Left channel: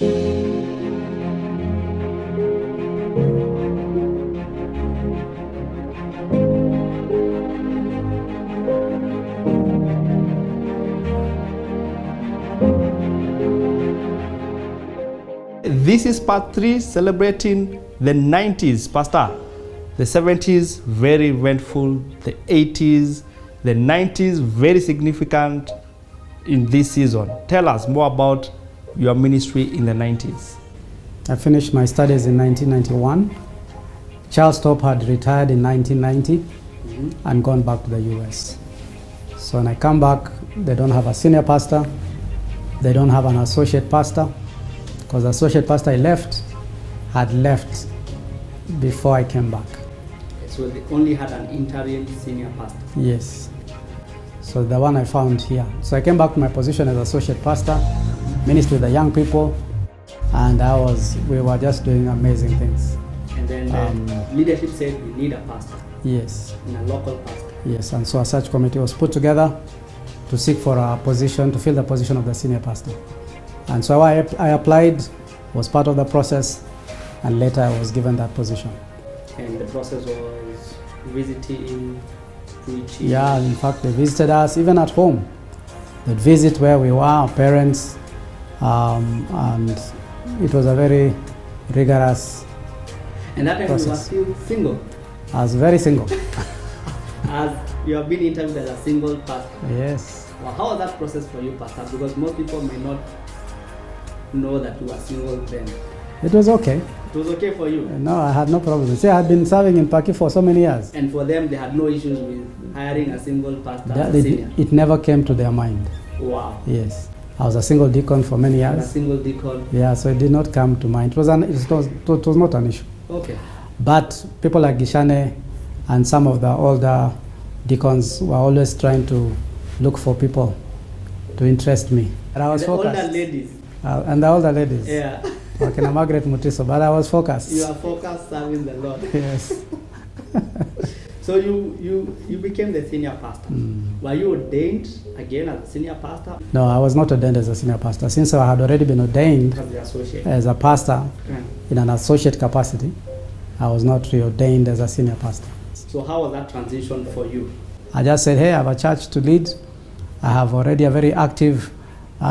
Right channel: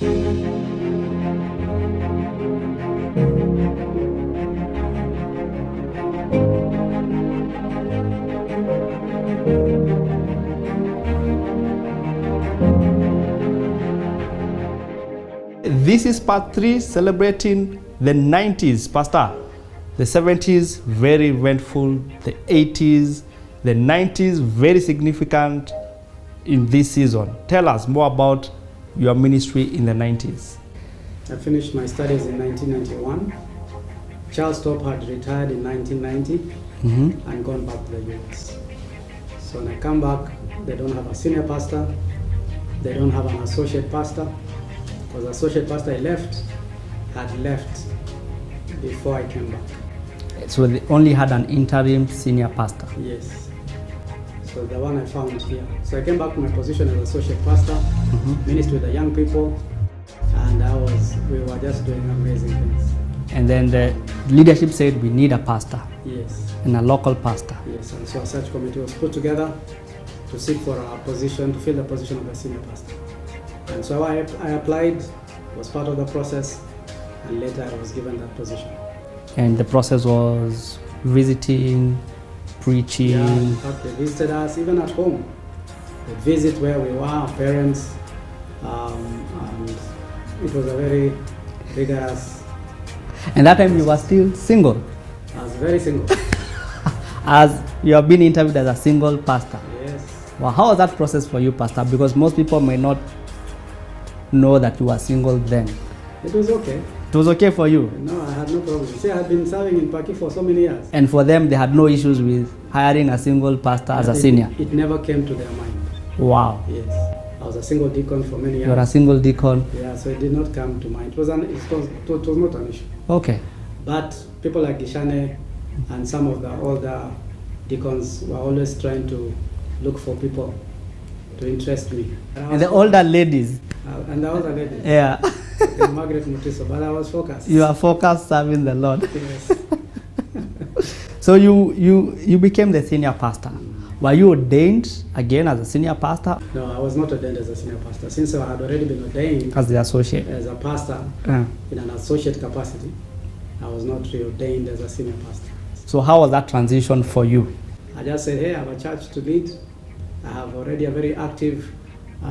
This is part 3, celebrating the 90s, Pastor. The 70s, very eventful. The 80s, the 90s, very significant in this season. Tell us more about your ministry in the 90s. I finished my studies in 1991. Charles Top had retired in 1990 and gone back to the US. So when I come back, they don't have a senior pastor. They don't have an associate pastor, because the associate pastor had left before I came back. So they only had an interim senior pastor? Yes. So the one I found here. So I came back to my position as associate pastor, ministry with the young people, and we were just doing amazing things. And then the leadership said we need a pastor. Yes. And a local pastor. Yes, and so a search committee was put together to seek for a position, to fill the position of the senior pastor. And so I applied, was part of the process, and later I was given that position. And the process was visiting, preaching? Yeah, in fact, they visited us even at home. They visit where we were, our parents, and it was a very rigorous. And that time you were still single? I was very single. As you have been interviewed as a single pastor? Yes. Well, how was that process for you, Pastor? Because most people may not know that you were single then. It was okay. It was okay for you? No, I had no problem. See, I had been serving in Paki for so many years. And for them, they had no issues with hiring a single pastor as a senior? It never came to their mind. Wow. Yes. I was a single deacon for many years. You were a single deacon? Yeah, so it did not come to mind. It was not an issue. Okay. But people like Gishane and some of the older deacons were always trying to look for people to interest me. And the older ladies? And the older ladies. Yeah. Like Margaret Mutiso, but I was focused. You are focused serving the Lord. Yes. So you became the senior pastor. Were you ordained again as a senior pastor? No, I was not ordained as a senior pastor. Since I had already been ordained as the associate, as a pastor in an associate capacity, I was not reordained as a senior pastor. So how was that transition for you? I just said, hey, I have a church to lead. I have already a very active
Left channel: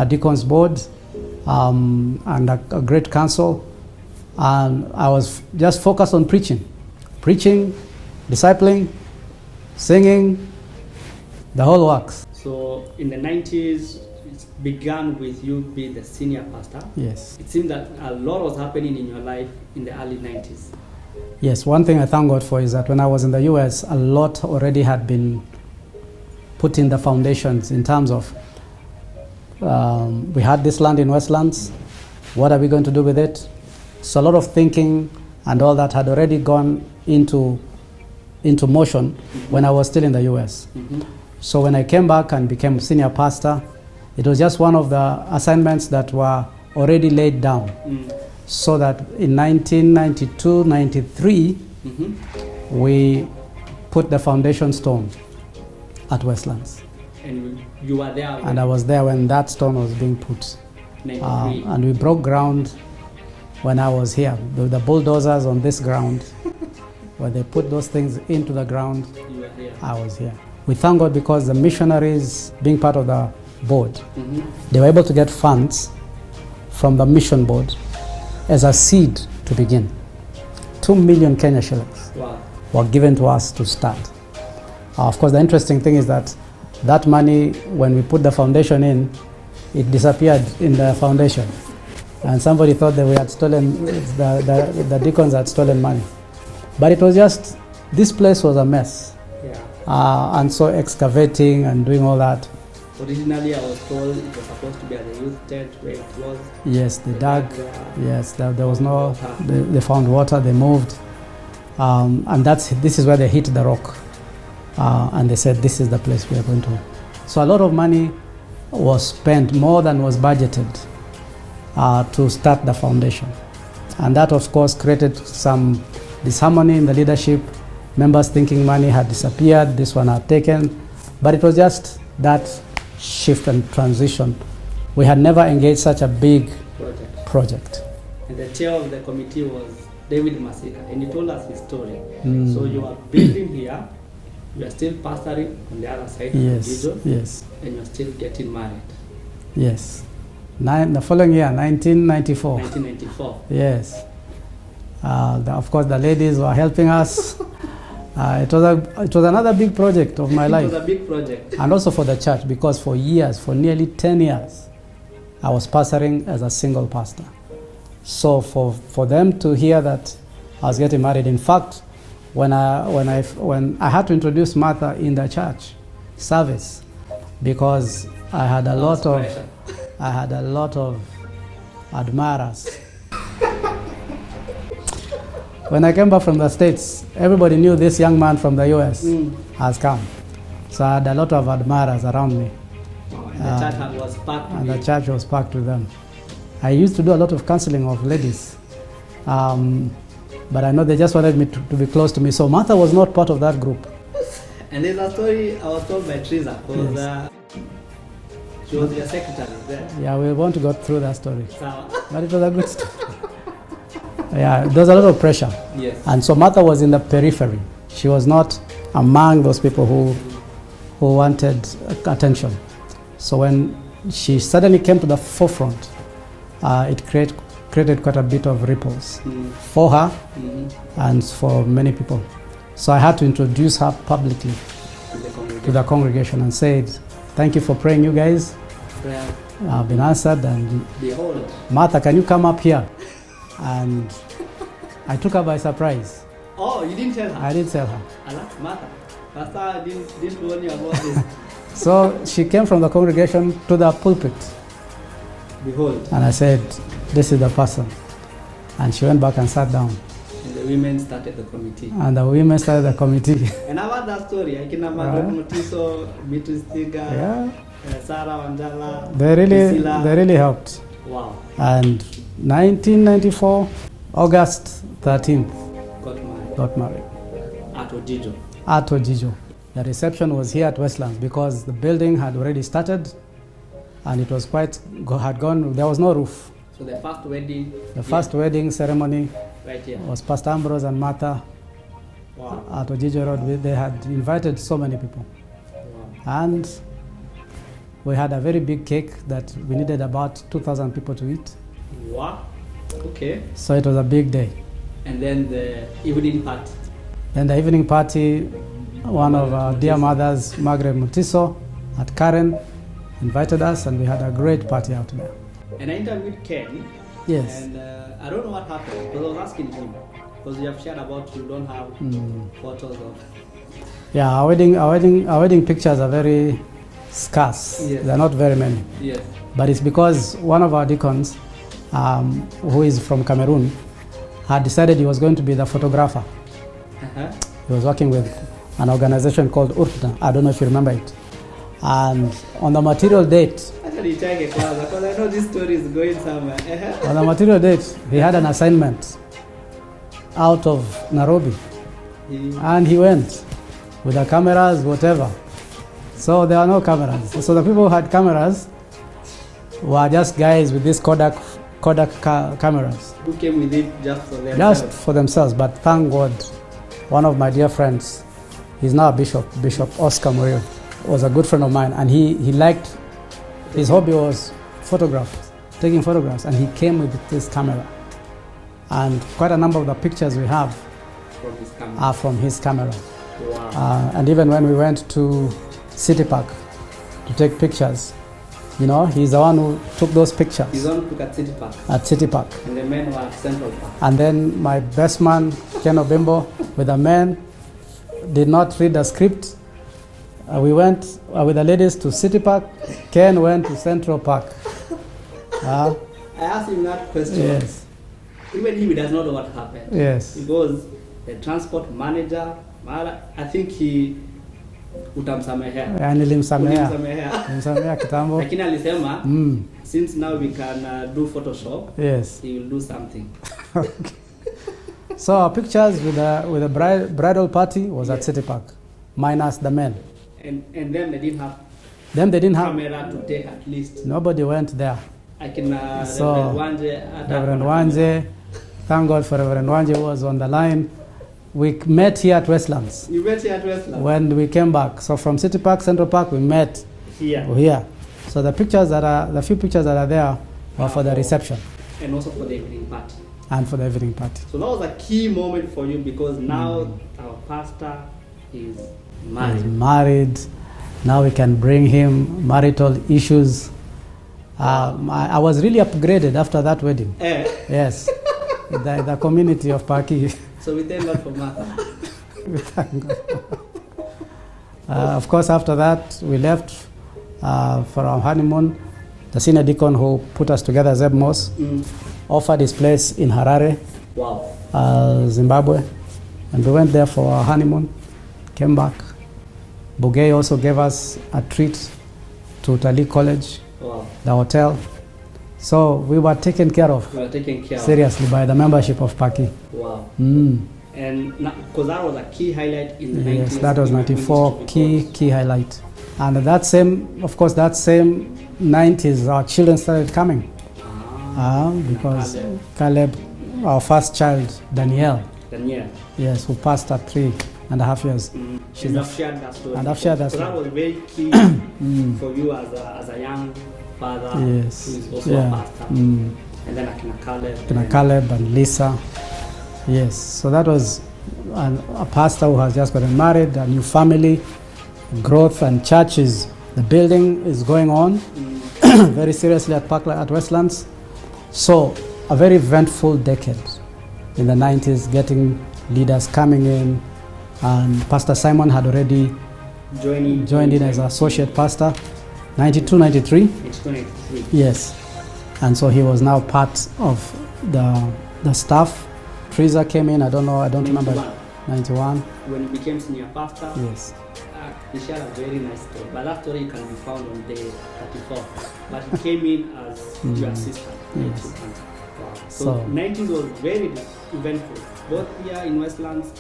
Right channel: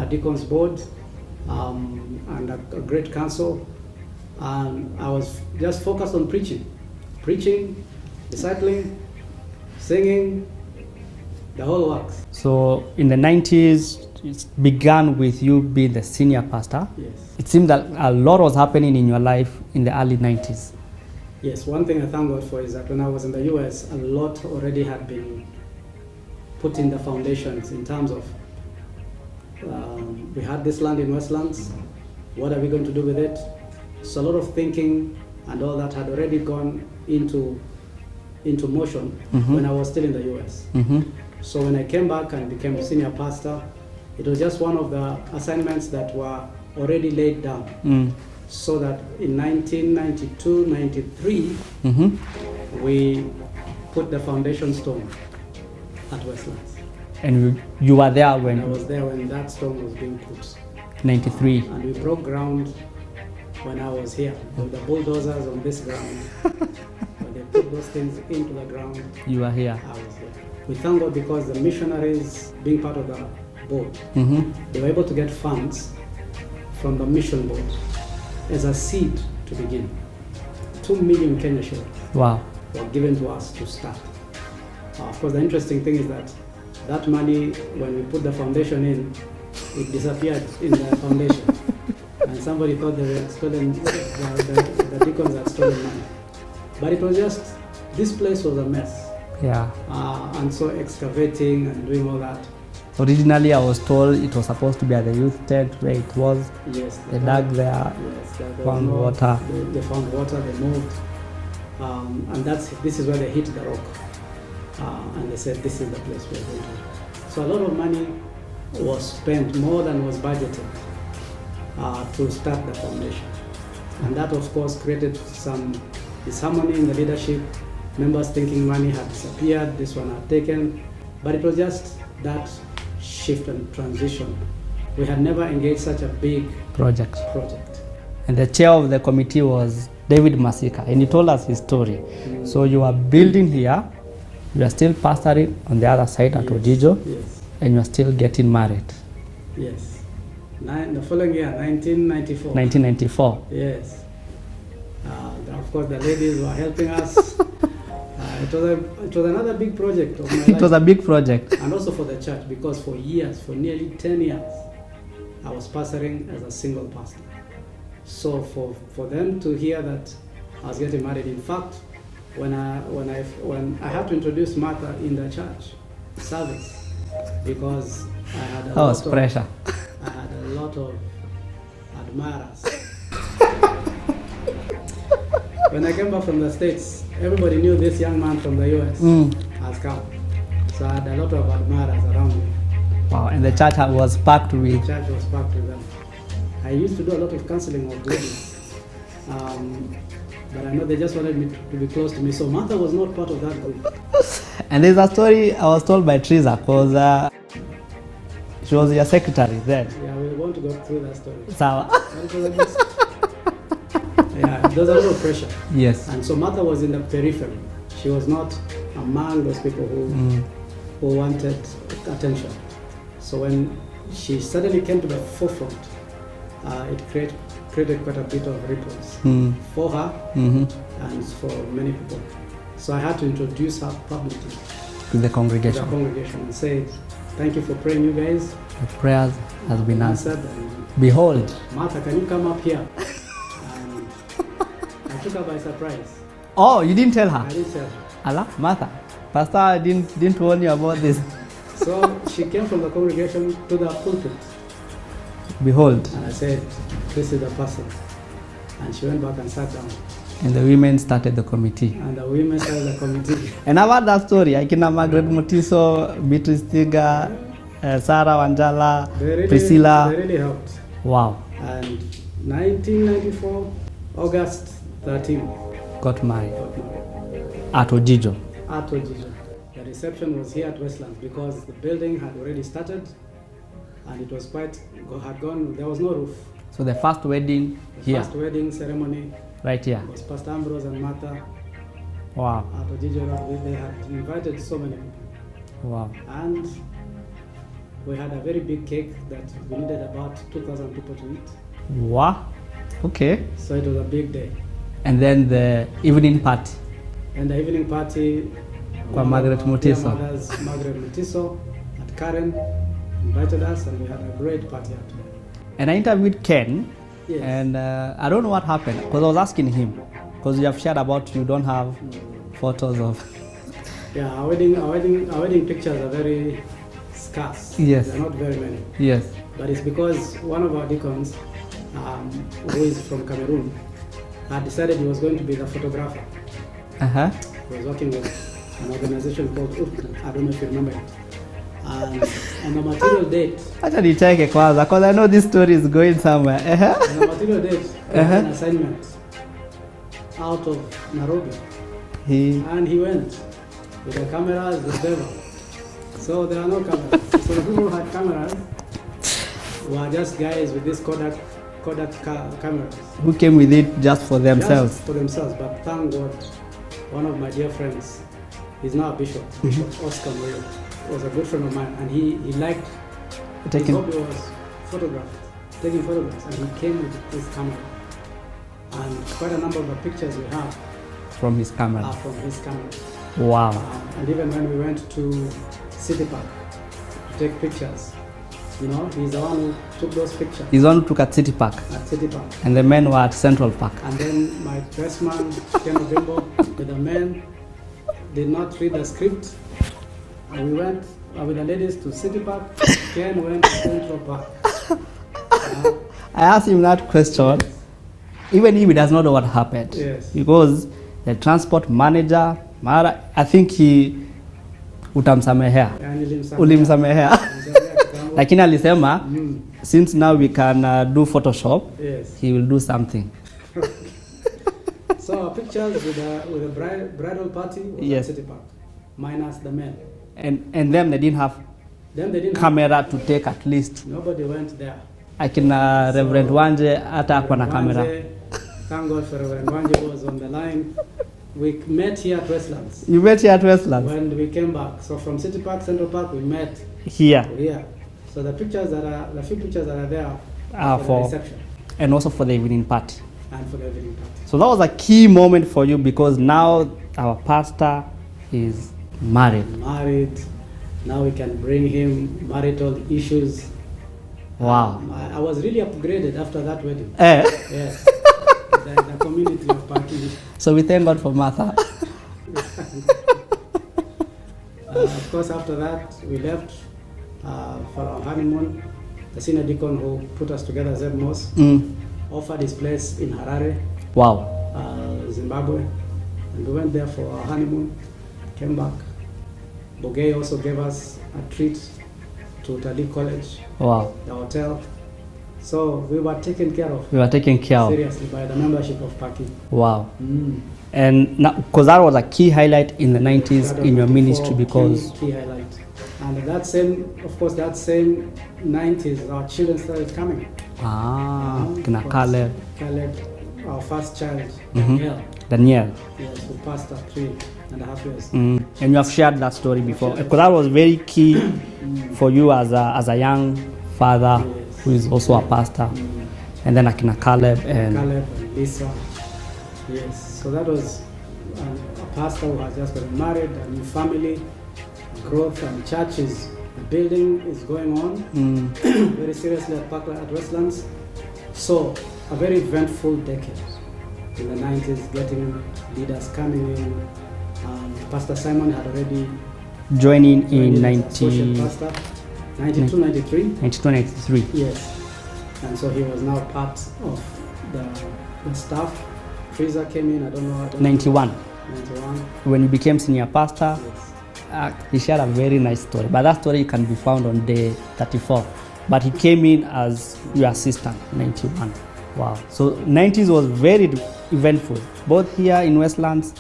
deacons board and a great council. And I was just focused on preaching, discipling, singing, the whole works. So in the 90s, it began with you being the senior pastor. Yes. It seemed that a lot was happening in your life in the early 90s. Yes, one thing I thank God for is that when I was in the US, a lot already had been put in the foundations in terms of we had this land in Westlands. What are we going to do with it? So a lot of thinking and all that had already gone into motion when I was still in the US. So when I came back and became senior pastor, it was just one of the assignments that were already laid down. So that in 1992, 93, we put the foundation stone at Westlands. And you were there when? And I was there when that stone was being put. 93. And we broke ground when I was here with the bulldozers on this ground. When they put those things into the ground, you were here. I was here. We thank God because the missionaries, being part of the board, they were able to get funds from the mission board as a seed to begin. 2 million Kenya shillings were given to us to start. Of course, the interesting thing is that money, when we put the foundation in, it disappeared in the foundation. And somebody thought that we had stolen, the deacons had stolen money. But it was just, this place was a mess. Yeah. And so excavating and doing all that. Originally, I was told it was supposed to be at the youth tent where it was. Yes, they dug there. Yes, there was no water. They found water, they moved. And this is where they hit the rock. And they said, this is the place we are going to. So a lot of money was spent, more than was budgeted, to start the foundation. And that, of course, created some disharmony in the leadership. Members thinking money had disappeared, this one had taken. But it was just that shift and transition We had never engaged such a big project. And the chair of the committee was David Masika, and he told us his story. So you are building here, you are still pastoring on the other side at Ojijo, Yes. and you are still getting married. Yes. The following year, 1994. 1994. Yes. Of course, the ladies were helping us. It was another big project of my life. It was a big project. And also for the church, because for years, for nearly 10 years, I was pastoring as a single pastor. So for them to hear that I was getting married, in fact, when I had to introduce Martha in the church service, because I had a lot of pressure. I had a lot of admirers. When I came back from the States, everybody knew this young man from the US has come. So I had a lot of admirers around me. Wow, and the church was packed with The church was packed with them. I used to do a lot of counseling of ladies. But I know they just wanted me to be close to me. So Martha was not part of that group. And there's a story I was told by Teresa, because she was your secretary then. Yeah, we want to go through that story. So, But it was a good story. Yeah, there was a lot of pressure. yes. And so Martha was in the periphery. She was not among those people who wanted attention. So when she suddenly came to the forefront, it created quite a bit of ripples for her and for many people. So I had to introduce her publicly To the to congregation. the congregation and said, thank you for praying, you guys. The prayers have been answered, and Behold. Martha, can you come up here? And I took her by surprise. Oh, you didn't tell her? I didn't tell her. Allah, Martha, Pastor didn't warn you about this. So she came from the congregation to the pulpit, Behold. and I said, this is the person. And she went back and sat down. And the women started the committee. And the women started the committee. And I've heard that story. I can Margaret Mutiso, Beatrice Tiga, Sarah Wanjala, Priscilla. They really helped. Wow. And 1994, August 13th, Got married. got married At Ojijo. at Ojijo. The reception was here at Westlands because the building had already started, and it was had gone, there was no roof. So the first wedding. The first wedding ceremony right here. was Pastor Ambrose and Martha. Wow. At Ojijo Road. They had invited so many people. Wow. And we had a very big cake that we needed about 2,000 people to eat. Wow. Okay. So it was a big day. And then the evening party. Then the evening party, one of Margaret our dear Mutiso. mothers, Margaret Mutiso, at Karen, invited us, and we had a great party out there. And I interviewed Ken. Yes. And I don't know what happened, because I was asking him, because you have shared about you don't have photos of. Yeah, our wedding pictures are very scarce. Yes. They're not very many. Yes. But it's because one of our deacons, who is from Cameroon, had decided he was going to be the photographer. Uh-huh. He was working with an organization called URTA. I don't know if you remember it. And on the material date, Actually, check it, because I know this story is going somewhere. on the material date, he had an assignment out of Nairobi. And he went with the cameras, whatever. So there are no cameras. So the people who had cameras were just guys with these Kodak cameras. Who came with it just for themselves. Just for themselves. But thank God, one of my dear friends, he's now a bishop, Bishop Oscar Moyo, was a good friend of mine, and he liked, his hobby was taking photographs, and he came with this camera. And quite a number of the pictures we have From his camera. are from his camera. Wow. And even when we went to City Park to take pictures, he's the one who took those pictures His one took at City Park. at City Park. And the men were at Central Park. And then my best man, Ken Obimbo, with the men, did not read the script. We went with the ladies to City Park. Ken went to Central Park. I asked him that question, Yes. even if he does not know what happened. Yes. Because the transport manager, I think he utamsamehea. Ulimsamehea. Nilimsamehea kitambo. Lakini alisema, since now we can do Photoshop, Yes. he will do something. So our pictures with the bridal party was Yes. at City Park, minus the men. And them, they didn't have Then they didn't have, camera to take at least. nobody went there. Akina So, Reverend Wanje hata hakuwa na Reverend camera. Wanje, thank God for Reverend Wanje who was on the line. We met here at Westlands. You met here at Westland? When we came back, so from City Park, Central Park, we met Here. here. So the few pictures that are there are for the reception And also for the evening party. and for the evening party. So that was a key moment for you because now our pastor is married. Married, now we can bring him marital issues. Wow. I was really upgraded after that wedding. Yes, the community of Paki. So we thank God for Martha. Of course, after that, we left for our honeymoon. The senior deacon who put us together, RevAmbrose, offered his place in Harare, Wow. Zimbabwe, and we went there for our honeymoon, came back. Bugay also gave us a treat to Utalii College, Wow. the hotel. So we were taken care of, We were taken care of. seriously, by the membership of Paki. Wow. And because that was a key highlight in the 90s that was in your 94 ministry because key highlight. And that same 90s, our children started coming. Kina Because Caleb, our first child, Danielle, yes, who passed at 3.5 years. And you have shared that story And I've before shared that because that was very key for you as a young father Yes. who is also a pastor. And then Akina Caleb and Caleb and Lisa. Yes, so that was a pastor who has just gotten married, a new family, growth and churches. The building is going on very seriously at Parklands, at Westlands. So a very eventful decade in the 90s, getting leaders coming in, and Pastor Simon had already joined in as associate pastor, 92, 93. 92-93. Yes, and so he was now part of the staff. Fraser came in, I don't 91. remember. 91. When you became senior pastor, Yes. he shared a very nice story. But that story can be found on day 34. But he came in as your assistant, 91. Wow. So 90s was very eventful, both here in Westlands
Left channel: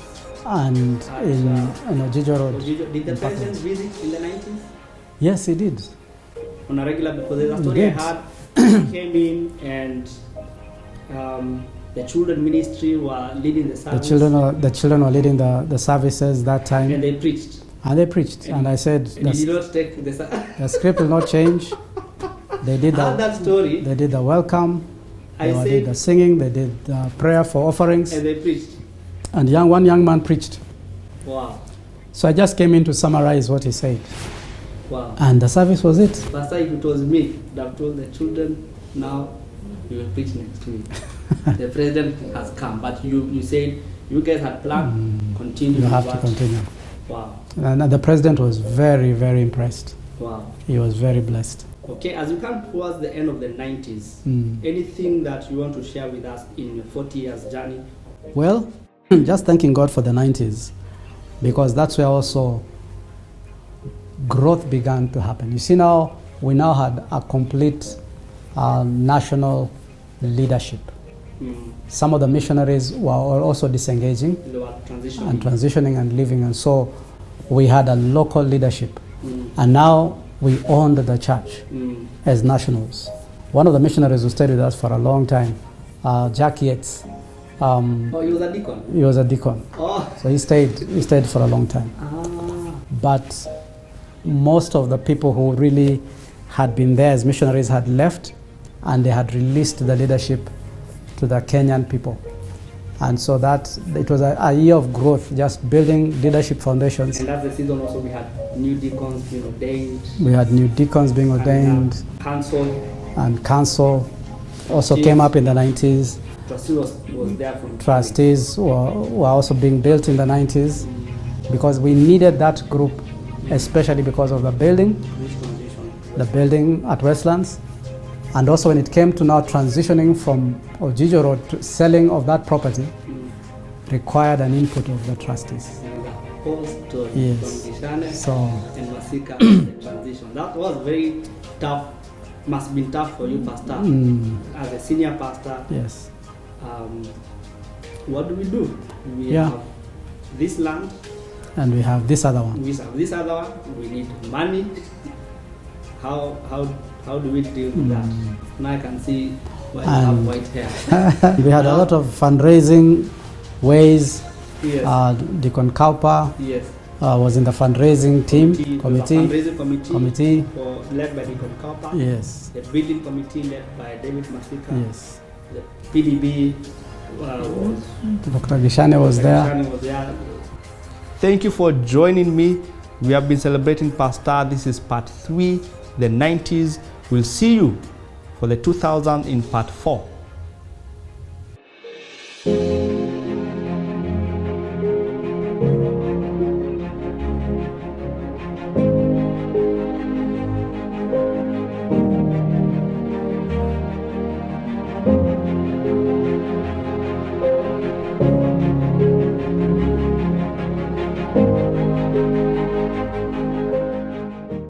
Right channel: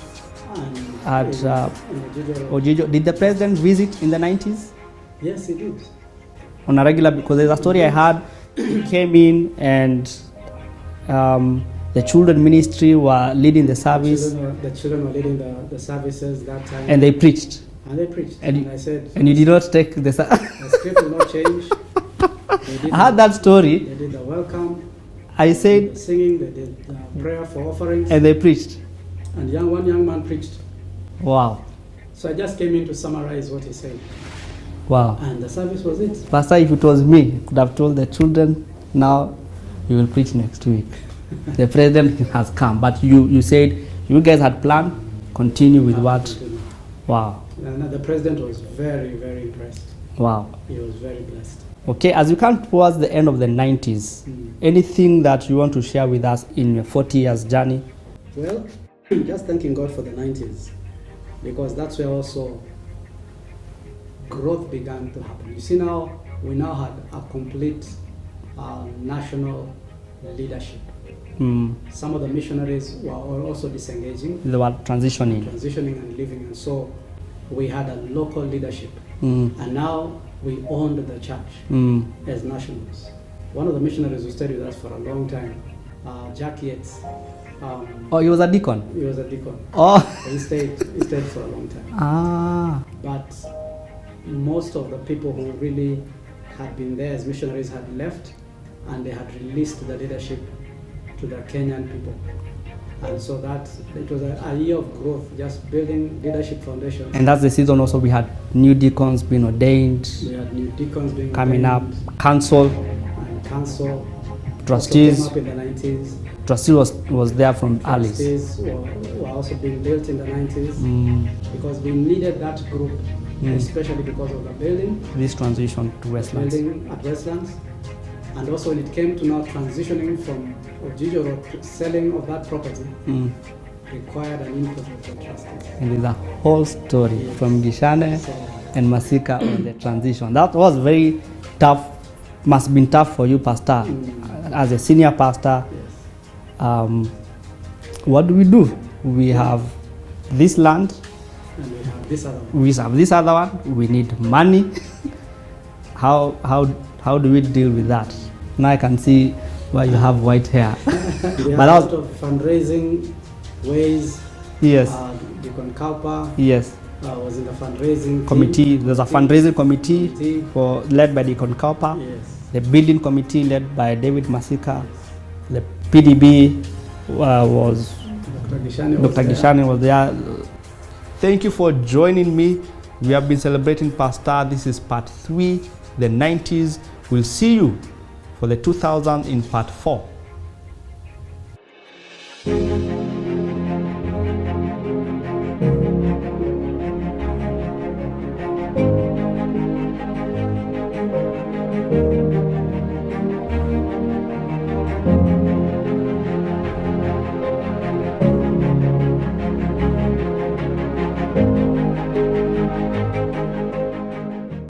And at in Ojijo Road. Ojijo. Did the president visit in the 90s? Yes, he did. On a regular, because there's a story I had, he came in and the children ministry were leading the service. The children were leading the services that time. And they preached. And I said, And he did not take the the script will not change. They did I had that story. They did the welcome. I They said, did the singing. They did the prayer for offerings. and they preached. And one young man preached. Wow. So I just came in to summarize what he said. Wow. And the service was it. Pastor, if it was me, I could have told the children, now you will preach next week. The president has come, but you said you guys had planned, continue You with have to what? continue. Wow. And the president was very, very impressed. Wow. He was very blessed. Okay, as we come towards the end of the 90s, anything that you want to share with us in your 40 years journey? Well, just thanking God for the 90s, because that's where also growth began to happen. You see, now we now had a complete national leadership. Some of the missionaries were also disengaging. They were transitioning. And leaving, and so we had a local leadership. And now we owned the church as nationals. One of the missionaries who stayed with us for a long time, Jack Yates. Oh, he was a deacon? He was a deacon. Oh. So he stayed for a long time. But most of the people who really had been there as missionaries had left, and they had released the leadership to the Kenyan people. And so that it was a year of growth, just building leadership foundations. And that's the season also we had new deacons being ordained. We had new deacons being coming ordained. Up. Council. And council Trustees. also came up in the 90s. Trustees was there from Trustees were also being built in the 90s because we needed that group, especially because of the building. This transition to Westlands. The building at Westlands. And also when it came to now transitioning from Ojijo Road to selling of that property, required an input of the trustees. With the whole story from Gishane and Masika, the transition. That was very tough, must have been tough for you, Pastor. As a senior pastor, yes. What do? We have this land. And we have this other one. We have this other one. We need money. how do we deal with that? Now I can see why you have white hair. We have a lot of fundraising ways. Yes. Deacon Kaupa Yes. Was in the fundraising Committee. team. There's a fundraising committee led by Deacon Kaupa. Yes. The building committee led by David Masika. Yes. The PDB was Dr. Gishane was there. Thank you for joining me. We have been celebrating Pastor. This is part 3, the 90s. We'll see you for the 2000 in part 4.